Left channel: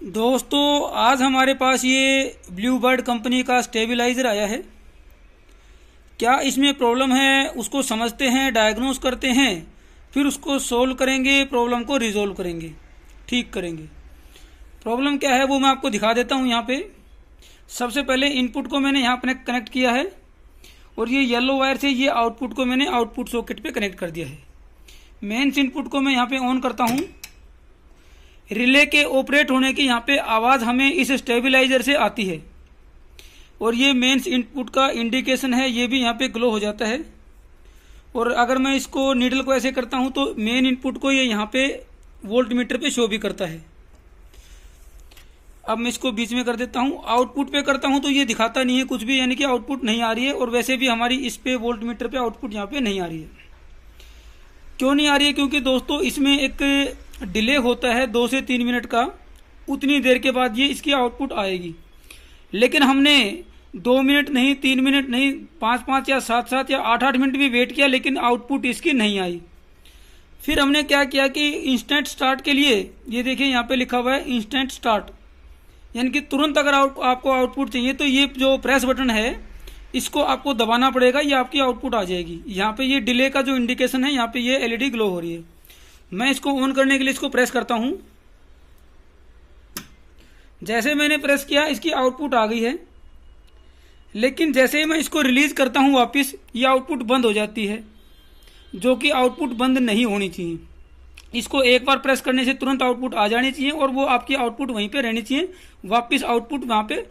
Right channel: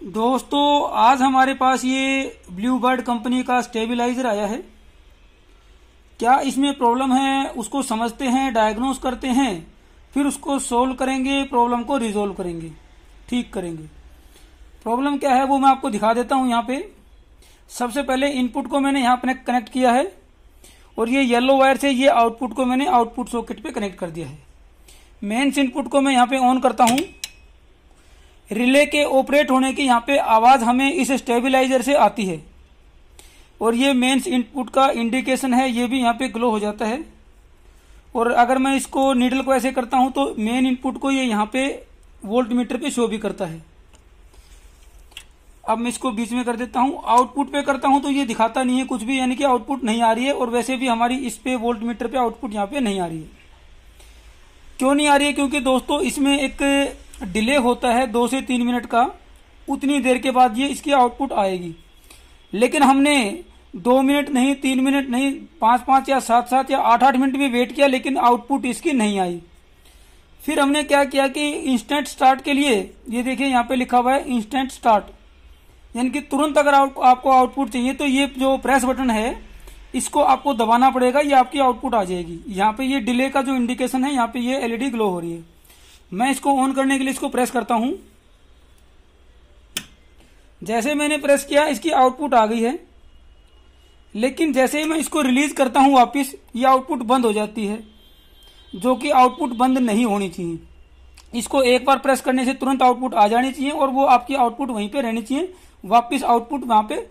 दोस्तों आज हमारे पास ये ब्लू बर्ड कंपनी का स्टेबलाइजर आया है। क्या इसमें प्रॉब्लम है उसको समझते हैं, डायग्नोस करते हैं, फिर उसको सोल्व करेंगे, प्रॉब्लम को रिजोल्व करेंगे, ठीक करेंगे। प्रॉब्लम क्या है वो मैं आपको दिखा देता हूं। यहाँ पे सबसे पहले इनपुट को मैंने यहाँ पे कनेक्ट किया है और ये येलो वायर से ये आउटपुट को मैंने आउटपुट सॉकेट पे कनेक्ट कर दिया है। मेन्स इनपुट को मैं यहाँ पे ऑन करता हूं। रिले के ऑपरेट होने की यहाँ पे आवाज हमें इस स्टेबलाइजर से आती है और ये मेन्स इनपुट का इंडिकेशन है, ये भी यहाँ पे ग्लो हो जाता है। और अगर मैं इसको नीडल को ऐसे करता हूं तो मेन इनपुट को ये यहाँ पे वोल्ट मीटर पे शो भी करता है। अब मैं इसको बीच में कर देता हूं। आउटपुट पे करता हूं तो ये दिखाता नहीं है कुछ भी, यानी कि आउटपुट नहीं आ रही है। और वैसे भी हमारी इस पे वोल्ट मीटर पे आउटपुट यहाँ पे नहीं आ रही है। क्यों नहीं आ रही है? क्योंकि दोस्तों इसमें एक डिले होता है 2 से 3 मिनट का, उतनी देर के बाद ये इसकी आउटपुट आएगी। लेकिन हमने 2 मिनट नहीं, 3 मिनट नहीं, 5-5 या 7-7 या 8-8 मिनट भी वेट किया, लेकिन आउटपुट इसकी नहीं आई। फिर हमने क्या किया कि इंस्टेंट स्टार्ट के लिए, ये देखिए यहाँ पे लिखा हुआ है इंस्टेंट स्टार्ट, यानी कि तुरंत अगर आपको आउटपुट चाहिए तो ये जो प्रेस बटन है इसको आपको दबाना पड़ेगा, ये आपकी आउटपुट आ जाएगी। यहाँ पे ये डिले का जो इंडिकेशन है, यहाँ पे ये एलईडी ग्लो हो रही है। मैं इसको ऑन करने के लिए इसको प्रेस करता हूं। जैसे मैंने प्रेस किया इसकी आउटपुट आ गई है, लेकिन जैसे ही मैं इसको रिलीज करता हूं वापस, ये आउटपुट बंद हो जाती है, जो कि आउटपुट बंद नहीं होनी चाहिए। इसको एक बार प्रेस करने से तुरंत आउटपुट आ जानी चाहिए और वो आपकी आउटपुट वहीं पे रहनी चाहिए। वापस आउटपुट वहां पे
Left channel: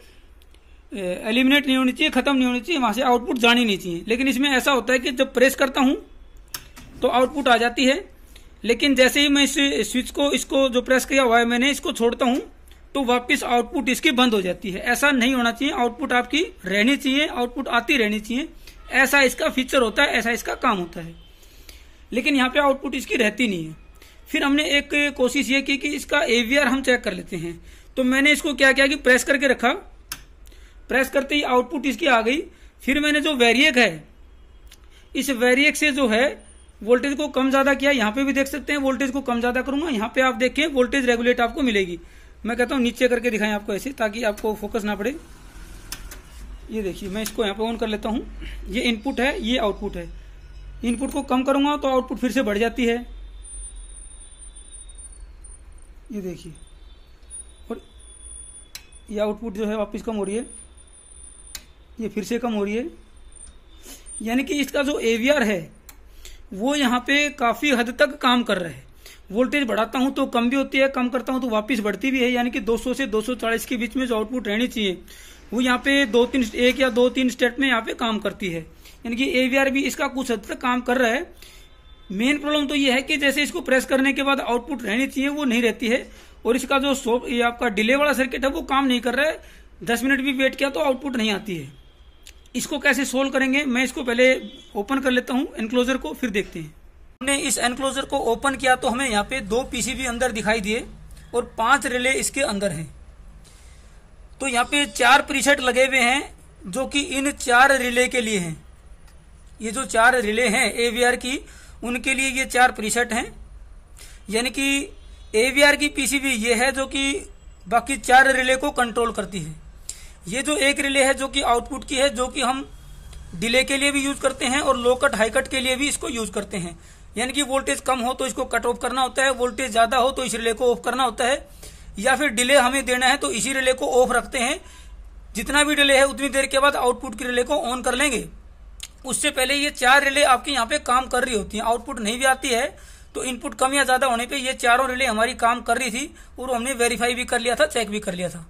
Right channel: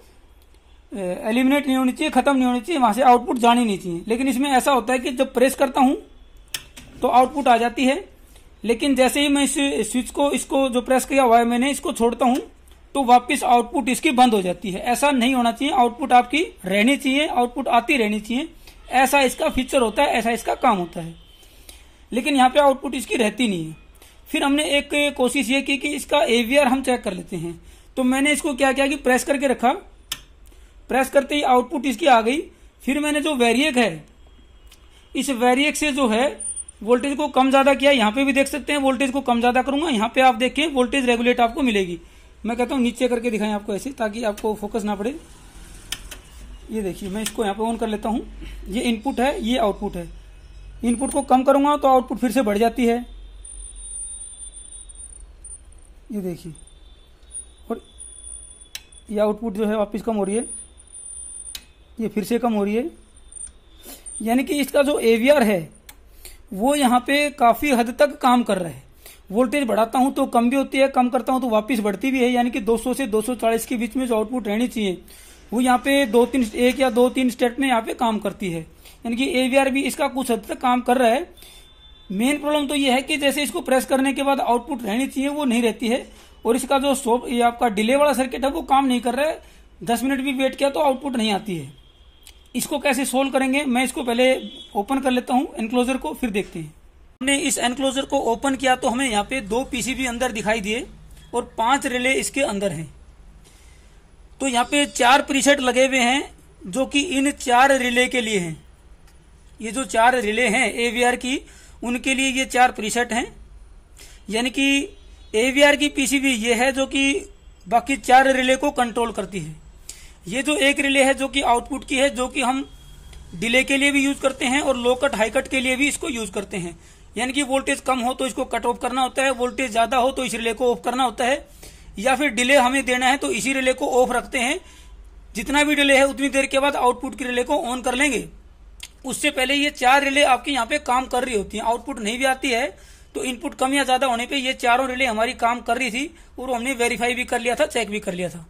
एलिमिनेट नहीं होनी चाहिए, खत्म नहीं होनी चाहिए, वहां से आउटपुट जानी नहीं चाहिए। लेकिन इसमें ऐसा होता है कि जब प्रेस करता हूं तो आउटपुट आ जाती है, लेकिन जैसे ही मैं इस स्विच को, इसको जो प्रेस किया हुआ है मैंने, इसको छोड़ता हूं तो वापस आउटपुट इसकी बंद हो जाती है। ऐसा नहीं होना चाहिए, आउटपुट आपकी रहनी चाहिए, आउटपुट आती रहनी चाहिए। ऐसा इसका फीचर होता है, ऐसा इसका काम होता है। लेकिन यहाँ पे आउटपुट इसकी रहती नहीं है। फिर हमने एक कोशिश ये की कि इसका एवीआर हम चेक कर लेते हैं। तो मैंने इसको क्या किया कि प्रेस करके रखा, प्रेस करते ही आउटपुट इसकी आ गई। फिर मैंने जो वेरिएक है, इस वेरिएक से जो है वोल्टेज को कम ज्यादा किया। यहाँ पे भी देख सकते हैं वोल्टेज को कम ज्यादा करूंगा, यहाँ पे आप देखिए वोल्टेज रेगुलेट आपको मिलेगी। मैं कहता हूँ नीचे करके दिखाएं आपको ऐसे, ताकि आपको फोकस ना पड़े। ये देखिए मैं इसको यहाँ पे ऑन कर लेता हूँ। ये इनपुट है, ये आउटपुट है। इनपुट को कम करूंगा तो आउटपुट फिर से बढ़ जाती है, ये देखिए। और ये आउटपुट जो है वापस कम हो रही है, ये फिर से कम हो रही है। यानी कि इसका जो एवीआर है वो यहाँ पे काफी हद तक काम कर रहा है। वोल्टेज बढ़ाता हूं तो कम भी होती है, कम करता हूं तो वापस बढ़ती भी है। यानी कि 200 से 240 के बीच में जो आउटपुट रहनी चाहिए वो यहाँ पे 1 या 2-3 स्टेप में यहाँ पे काम करती है। यानी कि एवीआर भी इसका कुछ हद तक काम कर रहा है। मेन प्रॉब्लम तो ये है कि जैसे इसको प्रेस करने के बाद आउटपुट रहनी चाहिए वो नहीं रहती है, और इसका जो ये आपका डिले वाला सर्किट है वो काम नहीं कर रहा है। 10 मिनट भी वेट किया तो आउटपुट नहीं आती है। इसको कैसे सोल्व करेंगे, मैं इसको पहले ओपन कर लेता हूं एनक्लोजर को, फिर देखते हैं। हमने इस एनक्लोजर को ओपन किया तो हमें यहाँ पे 2 पीसीबी अंदर दिखाई दिए और 5 रिले इसके अंदर हैं। तो यहाँ पे 4 प्रीसेट लगे हुए हैं जो कि इन 4 रिले के लिए हैं। ये जो 4 रिले हैं एवीआर की, उनके लिए ये 4 प्रीसेट हैं। यानी कि एवीआर की पीसीबी ये है जो कि बाकी 4 रिले को कंट्रोल करती है। ये जो एक रिले है जो कि आउटपुट की है, जो कि हम डिले के लिए भी यूज करते हैं और लो कट हाई कट के लिए भी इसको यूज करते हैं। यानी कि वोल्टेज कम हो तो इसको कट ऑफ करना होता है, वोल्टेज ज्यादा हो तो इस रिले को ऑफ करना होता है, या फिर डिले हमें देना है तो इसी रिले को ऑफ रखते हैं। जितना भी डिले है उतनी देर के बाद आउटपुट की रिले को ऑन कर लेंगे। उससे पहले ये 4 रिले आपकी यहाँ पे काम कर रही होती है। आउटपुट नहीं भी आती है तो इनपुट कम या ज्यादा होने पे ये चारों रिले हमारी काम कर रही थी और हमने वेरीफाई भी कर लिया था, चेक भी कर लिया था।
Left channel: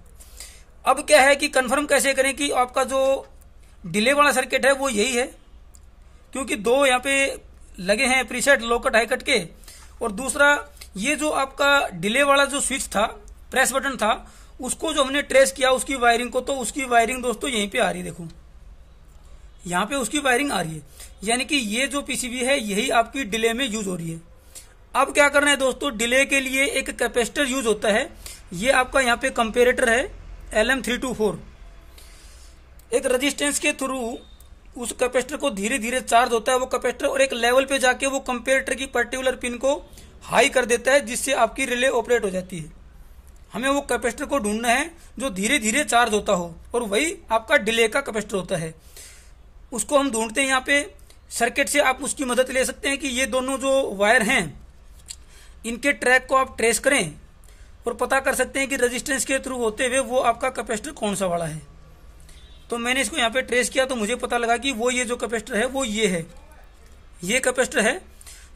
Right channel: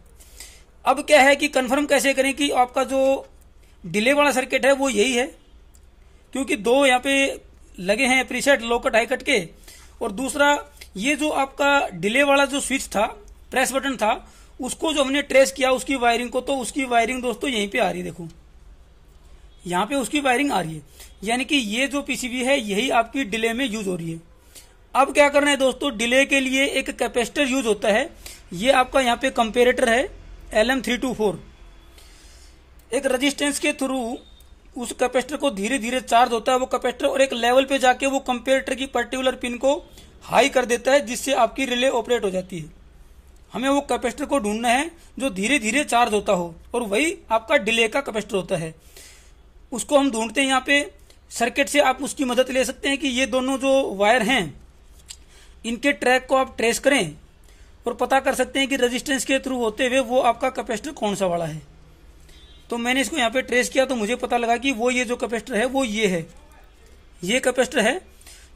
अब क्या है कि कंफर्म कैसे करें कि आपका जो डिले वाला सर्किट है वो यही है, क्योंकि 2 यहाँ पे लगे हैं प्रीसेट लो कट हाई कट के। और दूसरा ये जो आपका डिले वाला जो स्विच था, प्रेस बटन था, उसको जो हमने ट्रेस किया उसकी वायरिंग को, तो उसकी वायरिंग दोस्तों यहीं पे आ रही है। देखो यहाँ पे उसकी वायरिंग आ रही है। यानी कि ये जो पीसीबी है यही आपकी डिले में यूज हो रही है। अब क्या करना है दोस्तों, डिले के लिए एक कैपेसिटर यूज होता है। ये आपका यहाँ पे कंपेरेटर है LM324। एक रेजिस्टेंस के थ्रू उस कैपेसिटर को धीरे धीरे चार्ज होता है वो कैपेसिटर, और एक लेवल पे जाके वो कंपेरेटर की पर्टिकुलर पिन को हाई कर देता है, जिससे आपकी रिले ऑपरेट हो जाती है। हमें वो कैपेसिटर को ढूंढना है जो धीरे धीरे चार्ज होता हो, और वही आपका डिले का कैपेसिटर होता है। उसको हम ढूंढते हैं यहाँ पे सर्किट से। आप उसकी मदद ले सकते हैं कि ये दोनों जो वायर हैं इनके ट्रैक को आप ट्रेस करें और पता कर सकते हैं कि रेजिस्टेंस के थ्रू होते हुए वो आपका कैपेसिटर कौन सा वाला है। तो मैंने इसको यहाँ पे ट्रेस किया तो मुझे पता लगा कि वो ये जो कैपेसिटर है वो ये है। ये कैपेसिटर है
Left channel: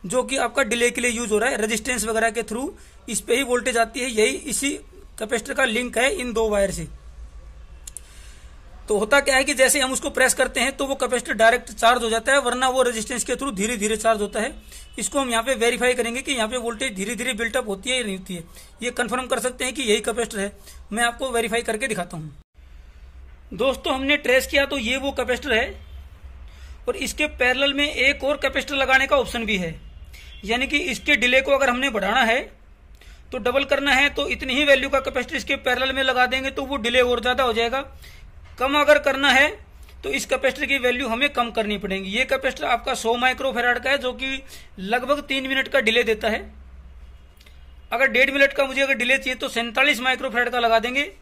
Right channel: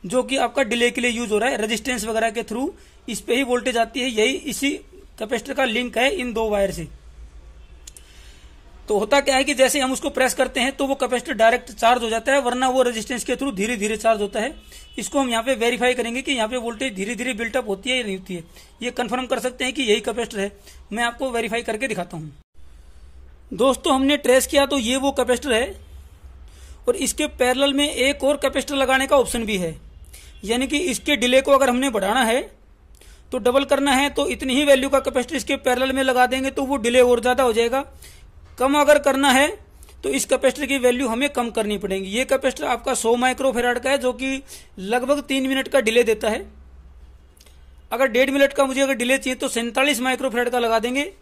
जो कि आपका डिले के लिए यूज हो रहा है, रेजिस्टेंस वगैरह के थ्रू इस पे ही वोल्टेज आती है। यही इसी कैपेसिटर का लिंक है इन दो वायर से। तो होता क्या है कि जैसे हम उसको प्रेस करते हैं तो वो कैपेसिटर डायरेक्ट चार्ज हो जाता है, वरना वो रेजिस्टेंस के थ्रू धीरे धीरे चार्ज होता है। इसको हम यहाँ पे वेरीफाई करेंगे कि यहाँ पे वोल्टेज धीरे धीरे बिल्टअप होती है या नहीं होती है। ये कंफर्म कर सकते हैं कि यही कैपेसिटर है। मैं आपको वेरीफाई करके दिखाता हूँ। दोस्तों हमने ट्रेस किया तो ये वो कैपेसिटर है, और इसके पैरेलल में एक और कैपेसिटर लगाने का ऑप्शन भी है। यानी कि इसके डिले को अगर हमने बढ़ाना है तो डबल करना है तो इतनी ही वैल्यू का कैपेसिटर इसके पैरेलल में लगा देंगे तो वो डिले और ज्यादा हो जाएगा। कम अगर करना है तो इस कैपेसिटर की वैल्यू हमें कम करनी पड़ेगी। ये कैपेसिटर आपका 100 माइक्रोफैराड का है जो कि लगभग 3 मिनट का डिले देता है। अगर 1.5 मिनट का मुझे अगर डिले चाहिए तो 47 माइक्रोफैराड का लगा देंगे।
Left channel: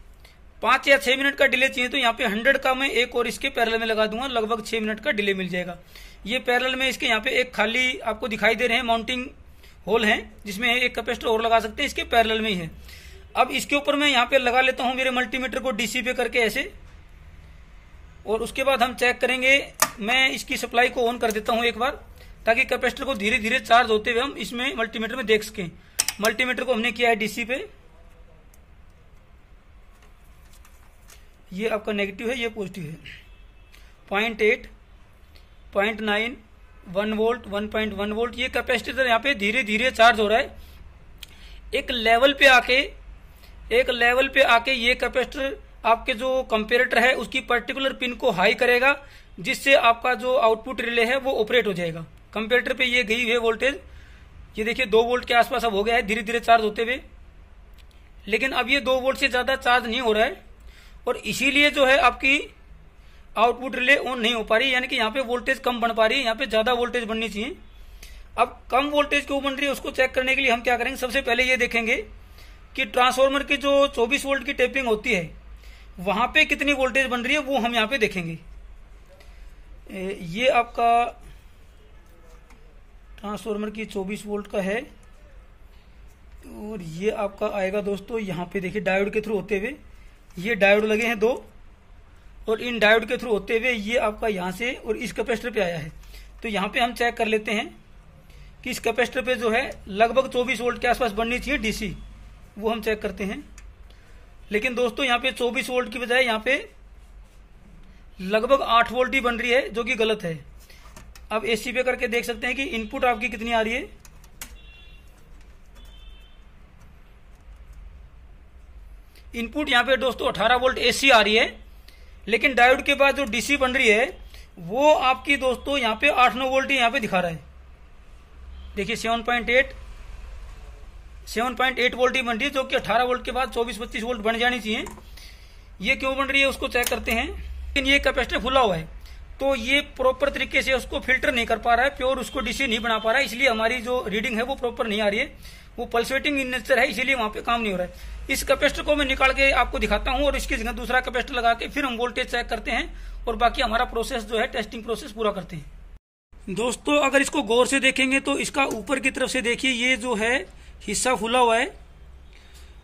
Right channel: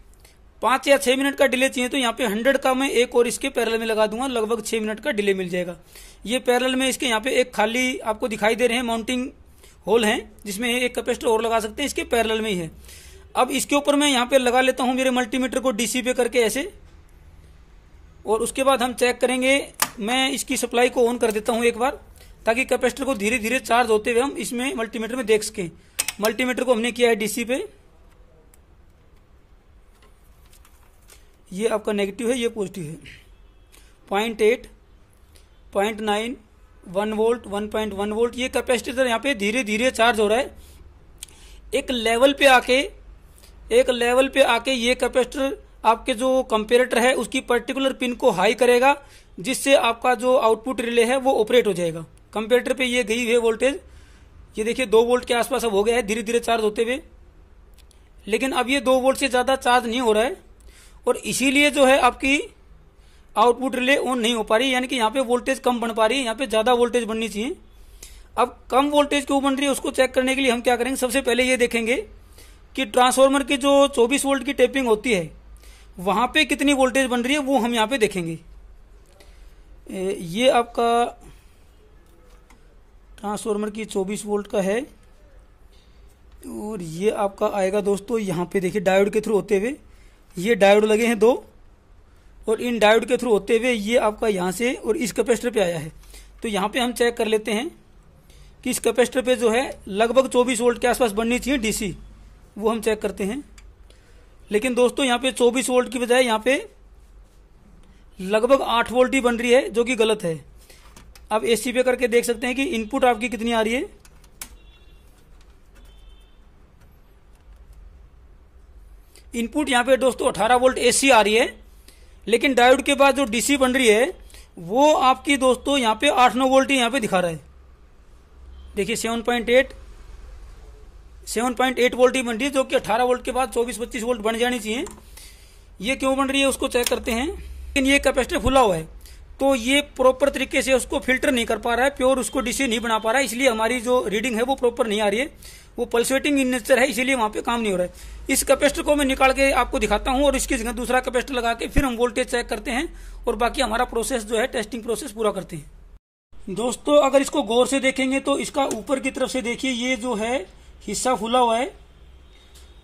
5 या 6 मिनट का डिले चाहिए तो यहाँ पे 100 का मैं एक और इसके पैरेलल में लगा दूंगा, लगभग 6 मिनट का डिले मिल जाएगा। ये पैरेलल में इसके यहाँ पे एक खाली आपको दिखाई दे रहे हैं माउंटिंग होल है जिसमें एक कैपेसिटर और लगा सकते हैं, इसके पैरेलल में ही है। अब इसके ऊपर मैं यहाँ पे लगा लेता हूँ मेरे मल्टीमीटर को डीसी पे करके ऐसे, और उसके बाद हम चेक करेंगे। मैं इसकी सप्लाई को ऑन कर देता हूँ एक बार, ताकि कैपेसिटर को धीरे धीरे चार्ज होते हुए हम इसमें मल्टीमीटर में देख सकें। मल्टीमीटर को हमने किया है डीसी पे, ये आपका नेगेटिव है, ये पॉजिटिव है। 0.8, 0.9, 1 वोल्ट, 1.1 वोल्ट। ये कैपेसिटर यहाँ पे धीरे धीरे चार्ज हो रहा है। एक लेवल पे आके ये कैपेसिटर आपके जो कंपेरेटर है उसकी पर्टिकुलर पिन को हाई करेगा, जिससे आपका जो आउटपुट रिले है वो ऑपरेट हो जाएगा। कंपेरेटर पे ये गई हुई है वोल्टेज, ये देखिए 2 वोल्ट के आसपास अब हो गया है धीरे धीरे चार्ज होते हुए। लेकिन अब ये 2 वोल्ट से ज्यादा चार्ज नहीं हो रहा है, और इसीलिए जो है आपकी आउटपुट रिले ऑन नहीं हो पा रही, यानी कि यहाँ पे वोल्टेज कम बन पा रही है। यहाँ पे ज्यादा वोल्टेज बननी चाहिए। अब कम वोल्टेज क्यों बन रही है उसको चेक करने के लिए हम क्या करेंगे, सबसे पहले ये देखेंगे कि ट्रांसफार्मर की जो 24 वोल्ट की टेपिंग होती है वहां पे कितनी वोल्टेज बन रही है, वो हम यहाँ पे देखेंगे। ये आपका ट्रांसफार्मर की 24 वोल्ट का है, और ये आपका आएगा दोस्तों यहाँ पे देखिए डायोड के थ्रू होते हुए, ये डायोड लगे हैं 2, और इन डायोड के थ्रू होते हुए ये आपका यहाँ से और इस कैपेसिटर पे आया है। तो यहाँ पे हम चेक कर लेते हैं कि इस कैपेसिटर पे जो है लगभग 24 वोल्ट के आसपास बननी चाहिए डीसी, वो हम चेक करते हैं। लेकिन दोस्तों यहाँ पे 24 वोल्ट की बजाय यहाँ पे लगभग 8 वोल्ट ही बन रही है, जो कि गलत है। अब एसी पे करके देख सकते हैं कि इनपुट आपकी कितनी आ रही है। इनपुट यहाँ पे दोस्तों 18 वोल्ट एसी आ रही है, लेकिन डायोड के बाद जो डीसी बन रही है वो आपकी दोस्तों यहाँ पे 8-9 वोल्ट ही यहाँ पे दिखा रहा है। देखिए 7.8 वोल्ट ही बन रही है, जो कि 18 वोल्ट के बाद 24-25 वोल्ट बन जानी चाहिए। ये क्यों बन रही है उसको चेक करते हैं। लेकिन ये कैपेसिटर खुला हुआ है तो ये प्रॉपर तरीके से उसको फिल्टर नहीं कर पा रहा है, प्योर उसको डीसी नहीं बना पा रहा है, इसलिए हमारी जो रीडिंग है वो प्रॉपर नहीं आ रही है। वो पल्सेटिंग इन नेचर है, इसीलिए वहां पे काम नहीं हो रहा है। इस कैपेसिटर को मैं निकाल के आपको दिखाता हूं और इसकी जगह दूसरा कैपेसिटर लगा के फिर हम वोल्टेज चेक करते हैं और बाकी हमारा प्रोसेस जो है टेस्टिंग प्रोसेस पूरा करते हैं। दोस्तों अगर इसको गौर से देखेंगे तो इसका ऊपर की तरफ से देखिए ये जो है हिस्सा खुला हुआ है।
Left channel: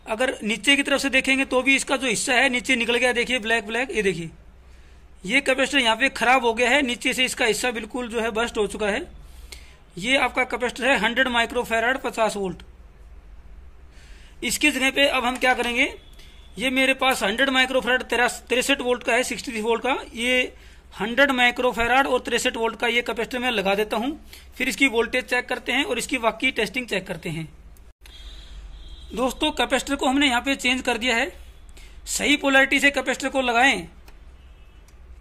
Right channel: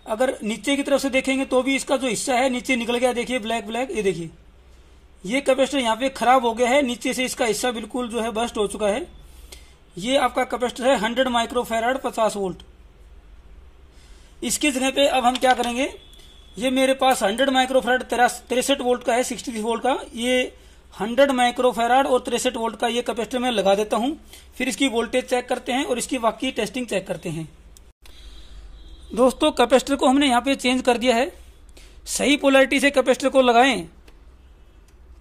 अगर नीचे की तरफ से देखेंगे तो भी इसका जो हिस्सा है नीचे निकल गया, देखिए ब्लैक ब्लैक। ये देखिए ये कैपेसिटर यहाँ पे खराब हो गया है, नीचे से इसका हिस्सा बिल्कुल जो है बस्ट हो चुका है। ये आपका कैपेसिटर है 100 माइक्रोफैराड 50 वोल्ट। इसकी जगह पे अब हम क्या करेंगे, ये मेरे पास 100 माइक्रोफैराड 63 वोल्ट का है, 63 वोल्ट का। ये 100 माइक्रोफैराड और 63 वोल्ट का ये कैपेसिटर मैं लगा देता हूं। फिर इसकी वोल्टेज चेक करते हैं और इसकी वाकई टेस्टिंग चेक करते हैं। दोस्तों कैपेसिटर को हमने यहाँ पे चेंज कर दिया है। सही पोलैरिटी से कैपेसिटर को लगाएं,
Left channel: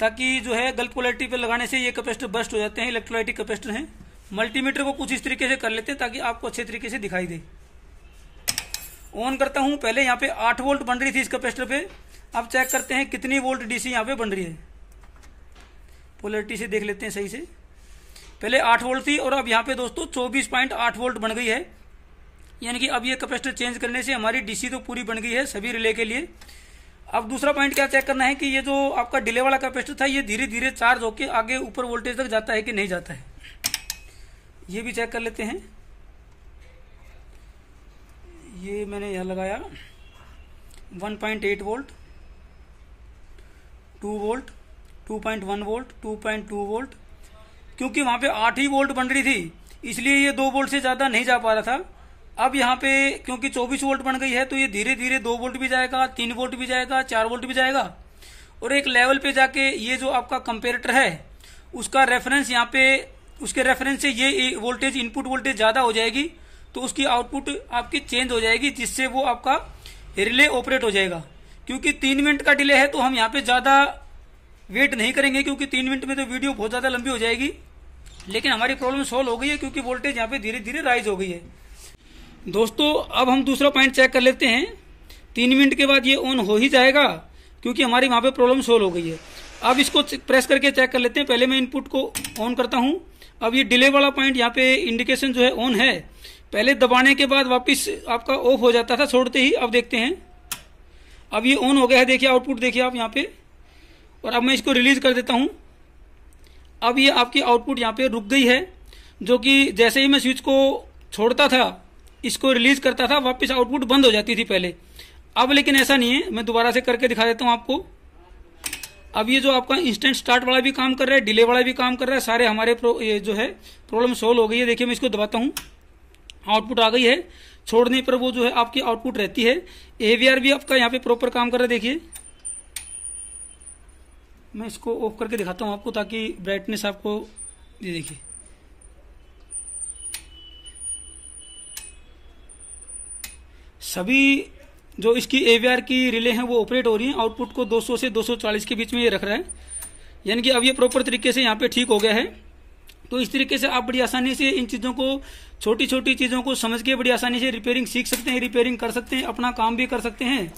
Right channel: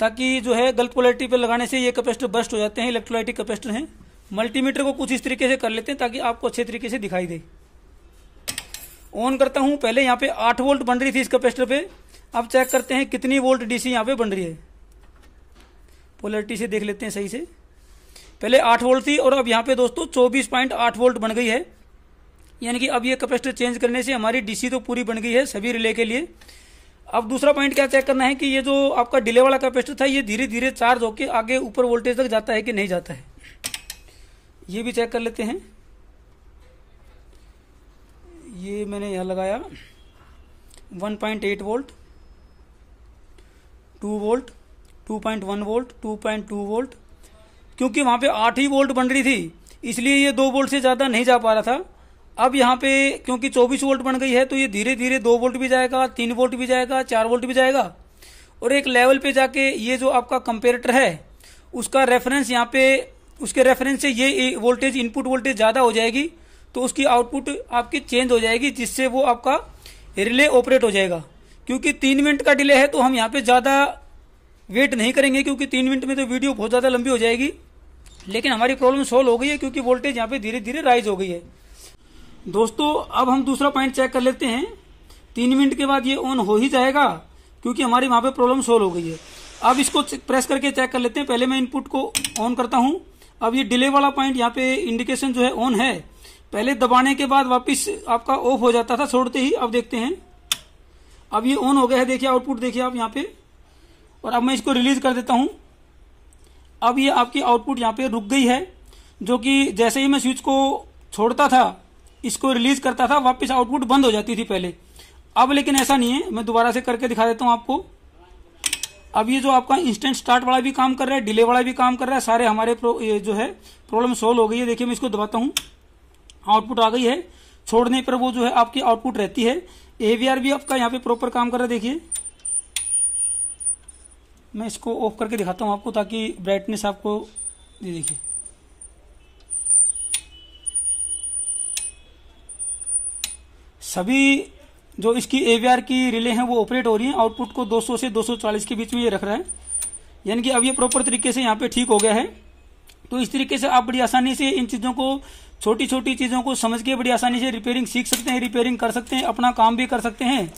ताकि जो है गलत पोलैरिटी पर लगाने से ये कैपेसिटर बस्ट हो जाते हैं। इलेक्ट्रोलाइटिक कैपेसिटर हैं। मल्टीमीटर को कुछ इस तरीके से कर लेते हैं ताकि आपको अच्छे तरीके से दिखाई दे। ऑन करता हूं। पहले यहाँ पे 8 वोल्ट बन रही थी इस कैपेसिटर पे, अब चेक करते हैं कितनी वोल्ट डीसी यहाँ पे बन रही है। पोलैरिटी से देख लेते हैं सही से। पहले 8 वोल्ट थी और अब यहाँ पे दोस्तों 24.8 वोल्ट बन गई है। यानी कि अब ये कैपेसिटर चेंज करने से हमारी डीसी तो पूरी बन गई है सभी रिले के लिए। अब दूसरा पॉइंट क्या चेक करना है कि ये जो आपका डिले वाला कैपेसिटर था ये धीरे धीरे चार्ज होके आगे ऊपर वोल्टेज तक जाता है कि नहीं जाता है, ये भी चेक कर लेते हैं। ये मैंने यहां लगाया 1.8 वोल्ट, 2 वोल्ट, 2.1 वोल्ट, 2.2 वोल्ट, क्योंकि वहां पे 8 ही वोल्ट बन रही थी इसलिए ये 2 वोल्ट से ज्यादा नहीं जा पा रहा था। अब यहाँ पे क्योंकि 24 वोल्ट बन गई है तो ये धीरे धीरे 2 वोल्ट भी जाएगा, 3 वोल्ट भी जाएगा, 4 वोल्ट भी जाएगा और एक लेवल पे जाके ये जो आपका कंपेरेटर है उसका रेफरेंस यहाँ पे, उसके रेफरेंस से ये वोल्टेज इनपुट वोल्टेज ज्यादा हो जाएगी तो उसकी आउटपुट आपकी चेंज हो जाएगी, जिससे वो आपका रिले ऑपरेट हो जाएगा। क्योंकि 3 मिनट का डिले है तो हम यहाँ पे ज्यादा वेट नहीं करेंगे क्योंकि 3 मिनट में तो वीडियो बहुत ज्यादा लंबी हो जाएगी, लेकिन हमारी प्रॉब्लम सोल्व हो गई है क्योंकि वोल्टेज यहाँ पे धीरे धीरे राइज हो गई है। दोस्तों अब हम दूसरा पॉइंट चेक कर लेते हैं। 3 मिनट के बाद ये ऑन हो ही जाएगा क्योंकि हमारी वहां पे प्रॉब्लम सोल्व हो गई है। अब इसको प्रेस करके चेक कर लेते हैं। पहले मैं इनपुट को ऑन करता हूं। अब ये डिले वाला पॉइंट यहाँ पे इंडिकेशन जो है ऑन है, पहले दबाने के बाद वापिस आपका ऑफ हो जाता था छोड़ते ही। अब देखते हैं, अब ये ऑन हो गया है, देखिए आउटपुट देखिए आप यहाँ पे। और अब मैं इसको रिलीज कर देता हूं। अब ये आपकी आउटपुट यहाँ पे रुक गई है, जो कि जैसे ही मैं स्विच को छोड़ता था, इसको रिलीज करता था, वापस आउटपुट बंद हो जाती थी पहले। अब लेकिन ऐसा नहीं है, मैं दोबारा से करके दिखा देता हूं आपको। अब ये जो आपका इंस्टेंट स्टार्ट वाला भी काम कर रहा है, डिले वाला भी काम कर रहा है, सारे हमारे ये जो है प्रॉब्लम सोल्व हो गई है। देखिए मैं इसको दबाता हूं, आउटपुट आ गई है। छोड़ने पर वो जो है आपकी आउटपुट रहती है। एवीआर भी आपका यहाँ पे प्रॉपर काम कर रहा है। देखिए मैं इसको ऑफ करके दिखाता हूं आपको ताकि ब्राइटनेस आपको, ये देखिए सभी जो इसकी एवीआर की रिले हैं वो ऑपरेट हो रही हैं। आउटपुट को 200 से 240 के बीच में ये रख रहा है, यानी कि अब ये प्रॉपर तरीके से यहाँ पे ठीक हो गया है। तो इस तरीके से आप बड़ी आसानी से इन चीजों को, छोटी छोटी चीजों को समझ के बड़ी आसानी से रिपेयरिंग सीख सकते हैं, रिपेयरिंग कर सकते हैं, अपना काम भी कर सकते हैं।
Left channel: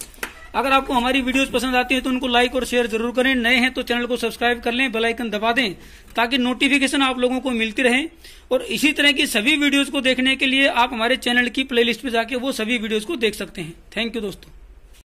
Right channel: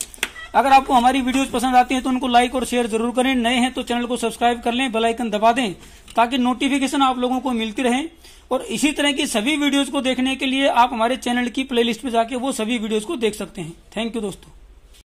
अगर आपको हमारी वीडियोस पसंद आती हैं तो उनको लाइक और शेयर जरूर करें। नए हैं तो चैनल को सब्सक्राइब कर लें, बेल आइकन दबा दें ताकि नोटिफिकेशन आप लोगों को मिलती रहे। और इसी तरह की सभी वीडियोस को देखने के लिए आप हमारे चैनल की प्लेलिस्ट पे जाके वो सभी वीडियोस को देख सकते हैं। थैंक यू दोस्तों।